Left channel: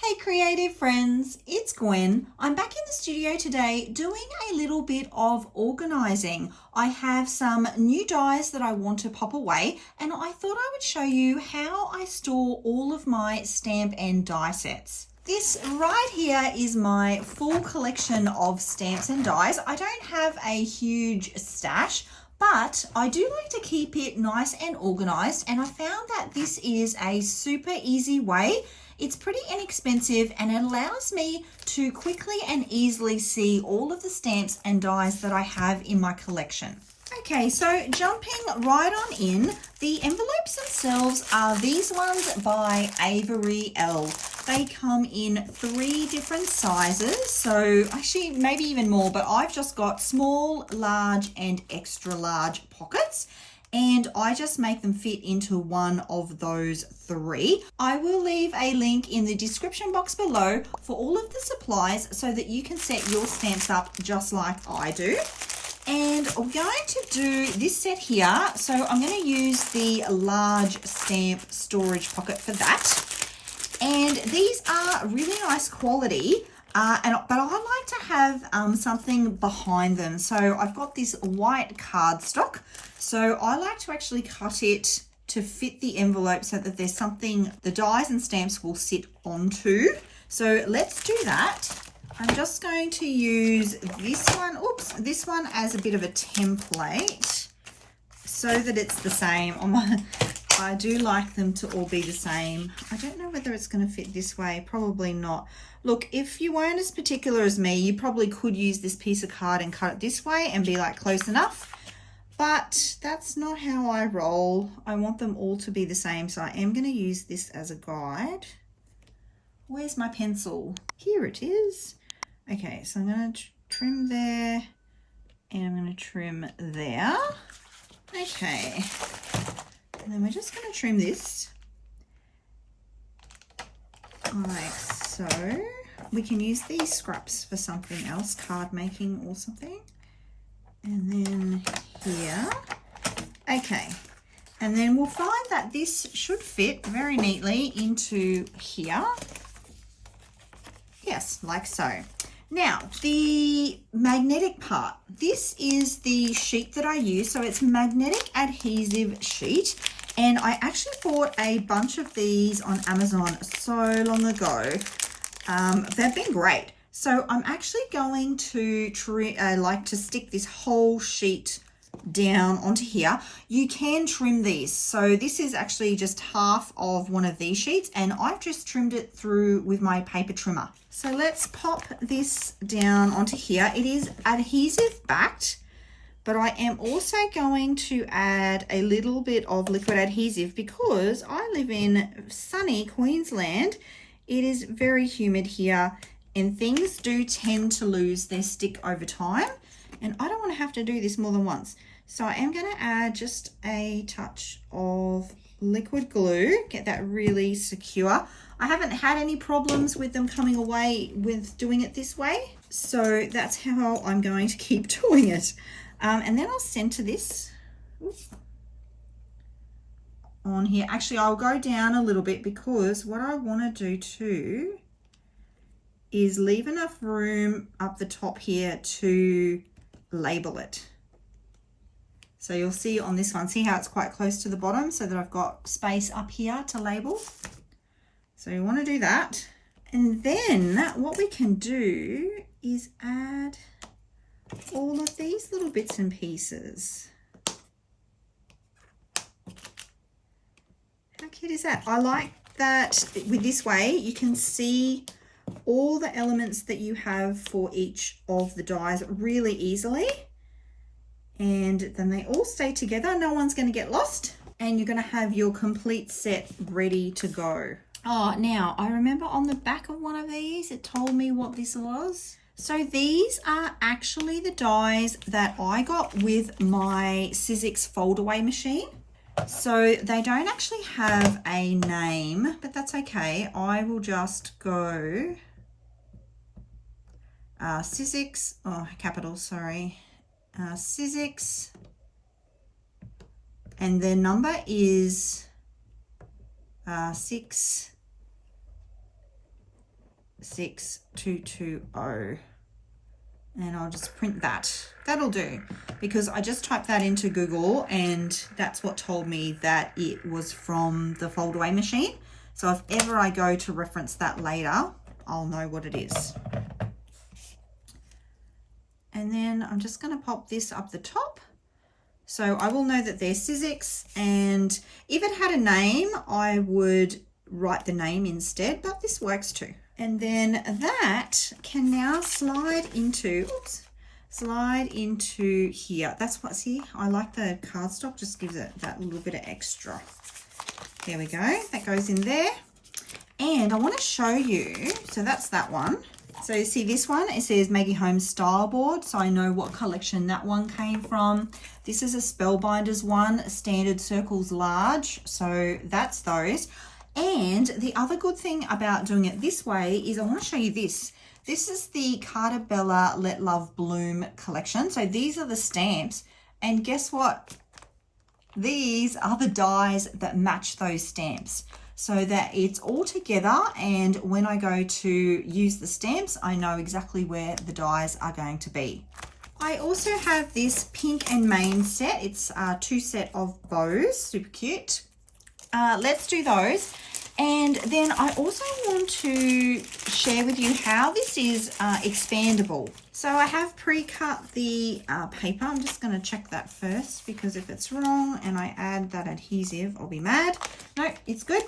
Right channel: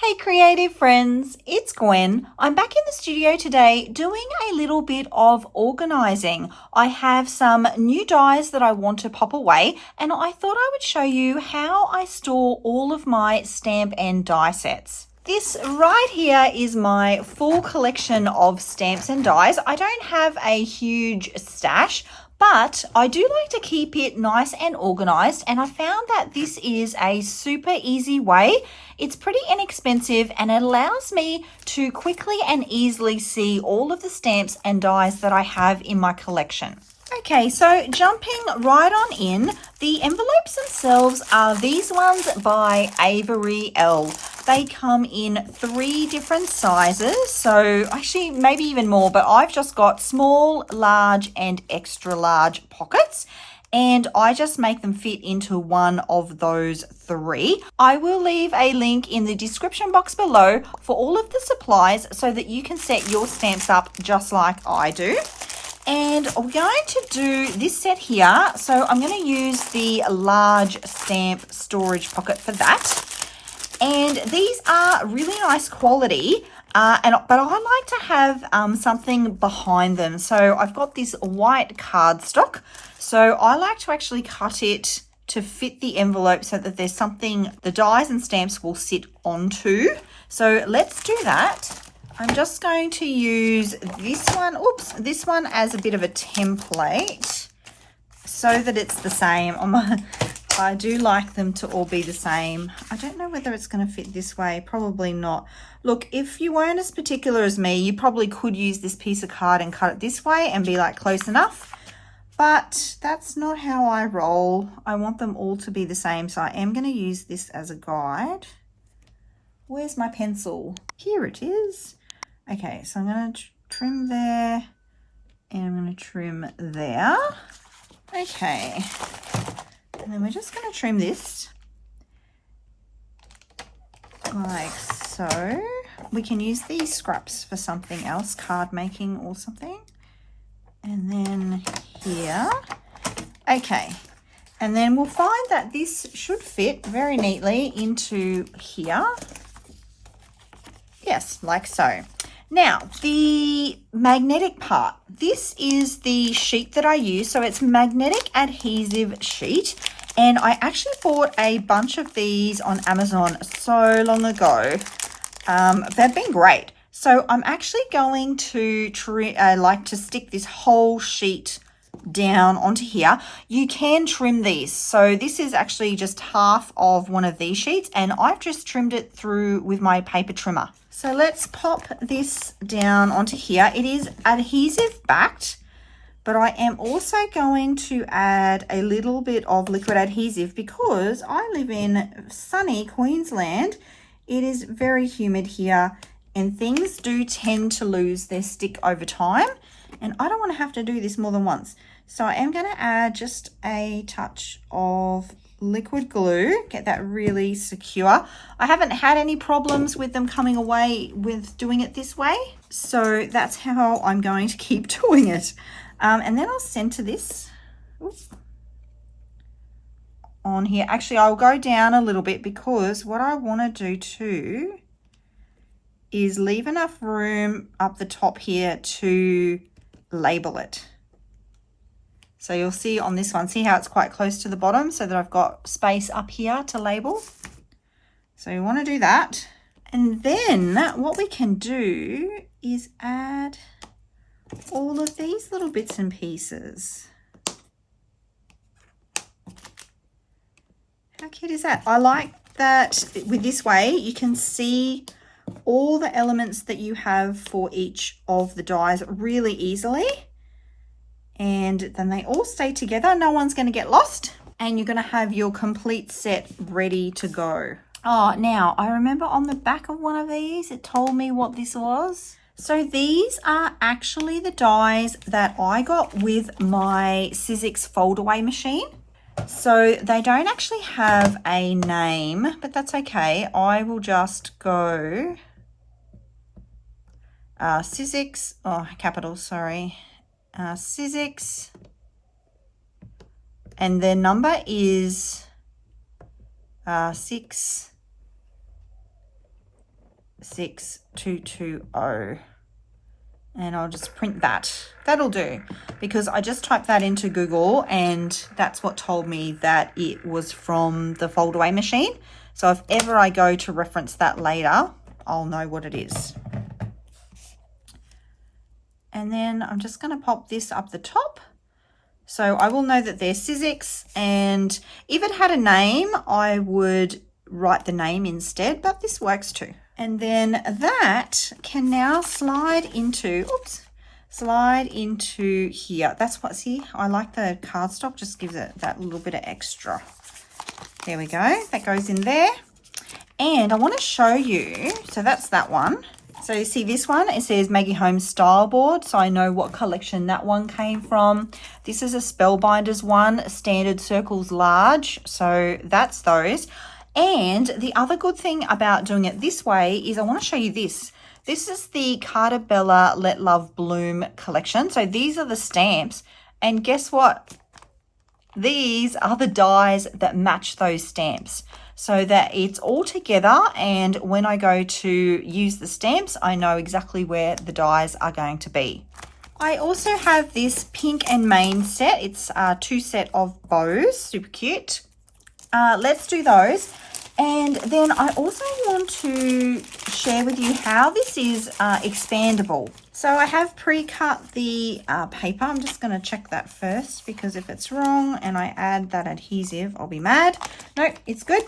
Hey creative friends, it's Gwen. I'm back in the studio today doing a little bit of organising. I have some new dies that I want to pop away and I thought I would show you how I store all of my stamp and die sets. This right here is my full collection of stamps and dies. I don't have a huge stash, but I do like to keep it nice and organized, and I found that this is a super easy way. It's pretty inexpensive and it allows me to quickly and easily see all of the stamps and dies that I have in my collection. Okay, so jumping right on in, the envelopes themselves are these ones by Avery Elle. They come in 3 different sizes, so actually maybe even more, but I've just got small, large and extra large pockets, and I just make them fit into one of those 3. I will leave a link in the description box below for all of the supplies so that you can set your stamps up just like I do. And we're going to do this set here. So I'm going to use the large stamp storage pocket for that. And these are really nice quality, but I like to have something behind them. So I've got this white cardstock. So I like to actually cut it to fit the envelope so that there's something the dies and stamps will sit onto. So let's do that. I'm just going to use this one as a bit of a template so that it's the same. I do like them to all be the same. I don't know whether it's going to fit this way. Probably not. Look, if you weren't as particular as me, you probably could use this piece of card and cut it this way and be like close enough. But that's not how I roll. I want them all to be the same. So I am going to use this as a guide. Where's my pencil? Here it is. Okay, so I'm going to trim there and I'm going to trim there. Okay, and then we're just going to trim this like so. We can use these scraps for something else, card making or something. And then here. Okay, and then we'll find that this should fit very neatly into here. Yes, like so. Now, the magnetic part. This is the sheet that I use. So it's magnetic adhesive sheet. And I actually bought a bunch of these on Amazon so long ago. They've been great. So I'm actually going to stick this whole sheet down onto here. You can trim these. So this is actually just half of one of these sheets and I've just trimmed it through with my paper trimmer. So let's pop this down onto here. It is adhesive backed, but I am also going to add a little bit of liquid adhesive because I live in sunny Queensland. It is very humid here and things do tend to lose their stick over time. And I don't want to have to do this more than once. So I am going to add just a touch of liquid glue, get that really secure. I haven't had any problems with them coming away with doing it this way. So that's how I'm going to keep doing it. And then I'll center this on here. Actually, I'll go down a little bit because what I want to do too is leave enough room up the top here to label it. So you'll see on this one, see how it's quite close to the bottom so that I've got space up here to label. So you want to do that. And then what we can do is add all of these little bits and pieces. How cute is that? I like that with this way you can see all the elements that you have for each of the dies really easily. And then they all stay together. No one's going to get lost. And you're going to have your complete set ready to go. Oh, now I remember on the back of one of these, it told me what this was. So these are actually the dies that I got with my Sizzix fold away machine. So they don't actually have a name, but that's okay. I will just go Sizzix, capital, sorry. Sizzix, and their number is 6 6220. And I'll just print that. That'll do, because I just typed that into Google and that's what told me that it was from the fold away machine. So if ever I go to reference that later, I'll know what it is. And then I'm just going to pop this up the top. So I will know that they're Sizzix, and if it had a name, I would write the name instead, but this works too. And then that can now slide into, slide into here. That's what's here. I like the cardstock, just gives it that little bit of extra. There we go. That goes in there. And I want to show you, so that's that one. So you see this one, it says Maggie Holmes Style Board, so I know what collection that one came from. This is a Spellbinders one, Standard Circles Large, so that's those. And the other good thing about doing it this way is I want to show you this. This is the Carta Bella Let Love Bloom collection. So these are the stamps, and guess what? These are the dies that match those stamps, so that it's all together, and when I go to use the stamps, I know exactly where the dies are going to be. I also have this Pink and Main set. It's a 2 set of bows, super cute. Let's do those. And then I also want to share with you how this is expandable. So I have pre-cut the paper. I'm just going to check that first, because if it's wrong and I add that adhesive, I'll be mad. No, it's good.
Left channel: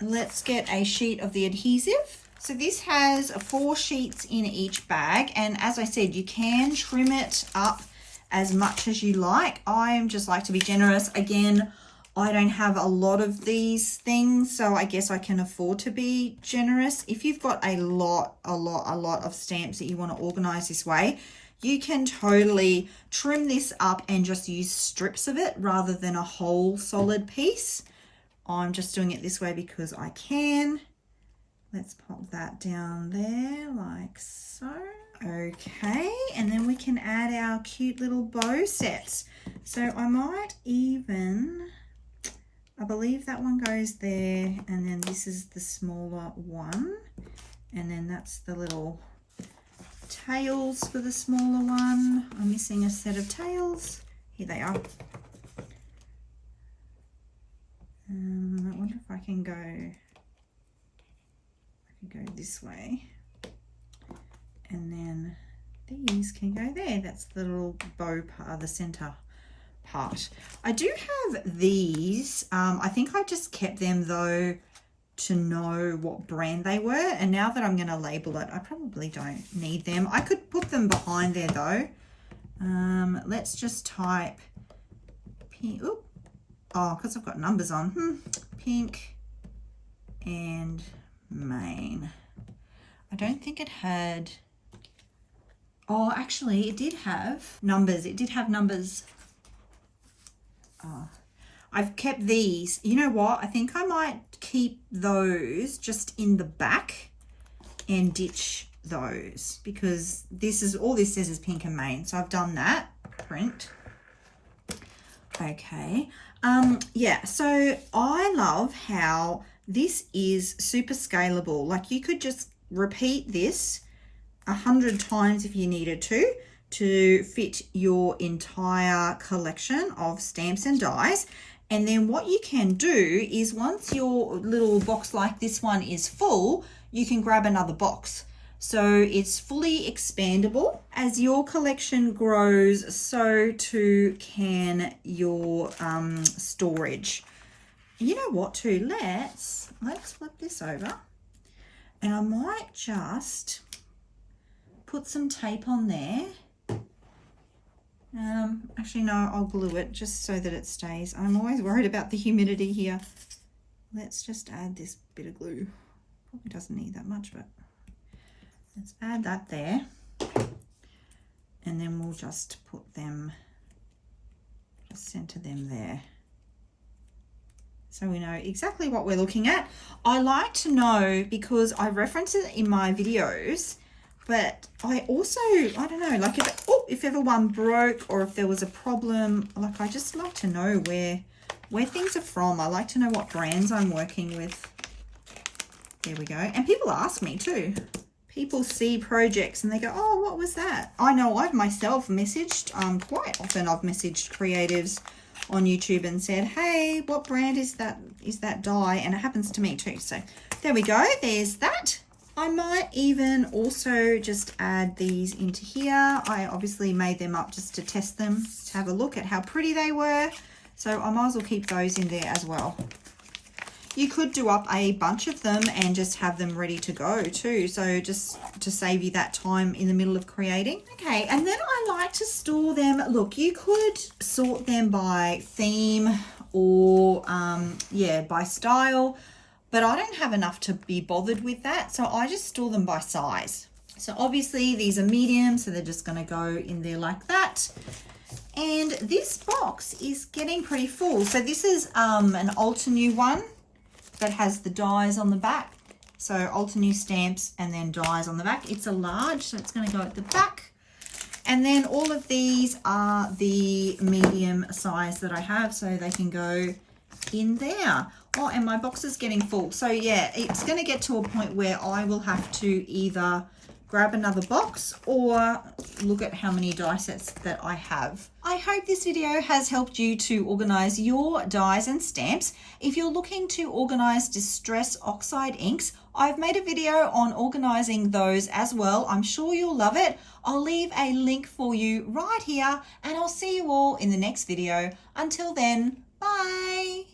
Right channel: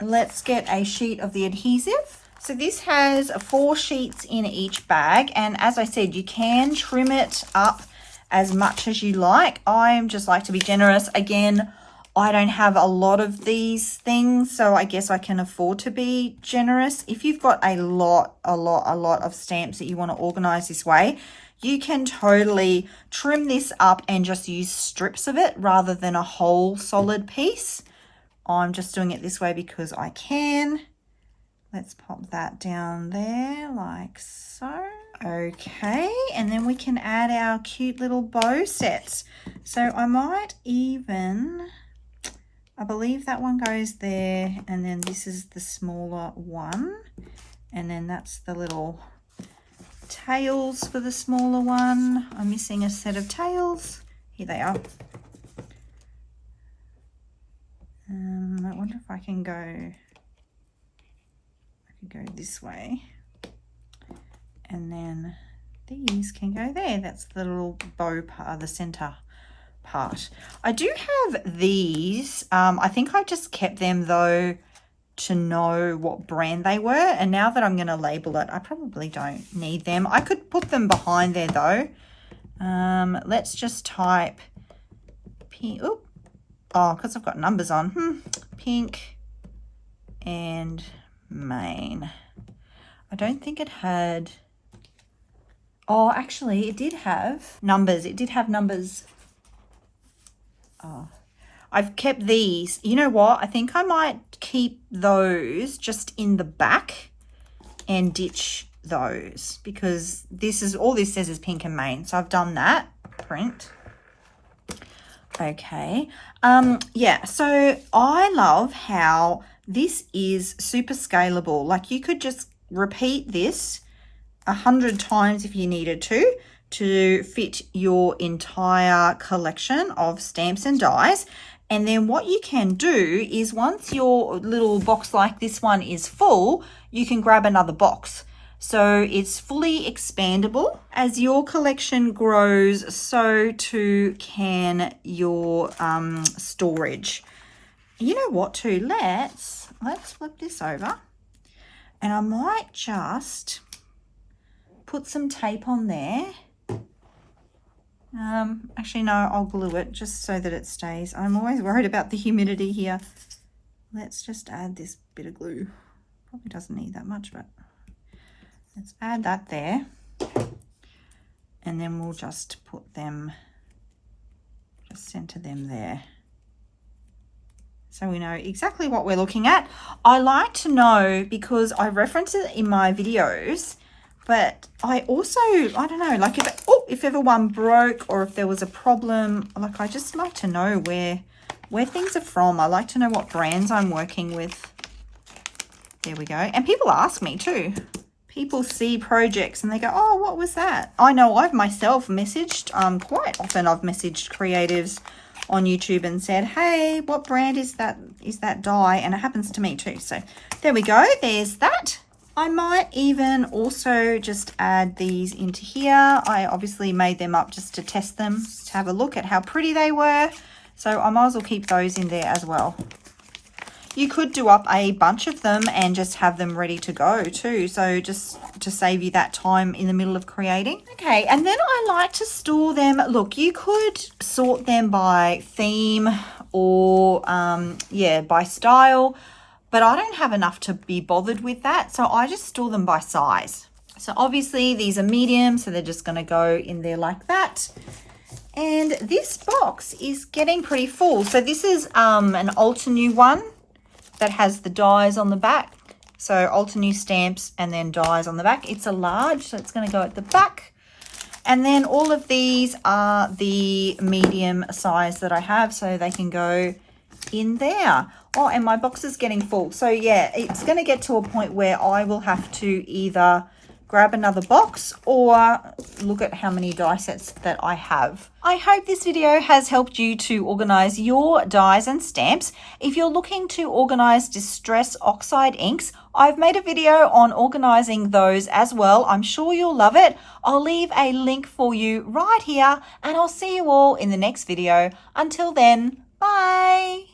Let's get a sheet of the adhesive. So this has 4 sheets in each bag, and as I said, you can trim it up as much as you like. I just like to be generous. Again, I don't have a lot of these things, so I guess I can afford to be generous. If you've got a lot of stamps that you want to organize this way, you can totally trim this up and just use strips of it rather than a whole solid piece. I'm just doing it this way because I can. Let's pop that down there like so. Okay, and then we can add our cute little bow sets. So I might even, I believe that one goes there, and then this is the smaller one, and then that's the little tails for the smaller one. I'm missing a set of tails. Here they are. I wonder if I can go, this way, and then these can go there. That's the little bow part, the center part. I do have these. I think I just kept them though to know what brand they were, and now that I'm going to label it, I probably don't need them. I could put them behind there though. Let's just type pink. Oh, because I've got numbers on. Pink and Main. I don't think it had, oh, actually it did have numbers. It did have numbers. Oh, I've kept these. You know what? I think I might keep those just in the back and ditch those, because this is, all this says is Pink and Main. So I've done that print. Okay. Yeah, so I love how this is super scalable. Like you could just repeat this 100 times if you needed to fit your entire collection of stamps and dies. And then what you can do is, once your little box like this one is full, you can grab another box. So it's fully expandable. As your collection grows, so too can your storage. You know what too, let's flip this over, and I might just put some tape on there. Actually no, I'll glue it just so that it stays. I'm always worried about the humidity here. Let's just add this bit of glue. Probably doesn't need that much, but let's add that there, and then we'll just put them, just center them there, so we know exactly what we're looking at. I like to know because I reference it in my videos, but I also, I don't know, like if ever one broke or if there was a problem, like I just like to know where things are from. I like to know what brands I'm working with. There we go. And people ask me too. People see projects and they go, oh, what was that? I know I've myself messaged, quite often I've messaged creatives on YouTube and said, hey, what brand is that die? And it happens to me too. So there we go. There's that. I might even also just add these into here. I obviously made them up just to test them, to have a look at how pretty they were. So I might as well keep those in there as well. You could do up a bunch of them and just have them ready to go too. So just to save you that time in the middle of creating. Okay, and then I like to store them. Look, you could sort them by theme or, by style, but I don't have enough to be bothered with that. So I just store them by size. So obviously these are medium, so they're just gonna go in there like that. And this box is getting pretty full. So this is an Altenew one that has the dies on the back. So Altenew stamps and then dies on the back. It's a large, so it's going to go at the back. And then all of these are the medium size that I have, so they can go in there. Oh, and my box is getting full. So yeah, it's going to get to a point where I will have to either grab another box or look at how many die sets that I have. I hope this video has helped you to organize your dies and stamps. If you're looking to organize Distress Oxide inks, I've made a video on organizing those as well. I'm sure you'll love it. I'll leave a link for you right here, and I'll see you all in the next video. Until then, bye.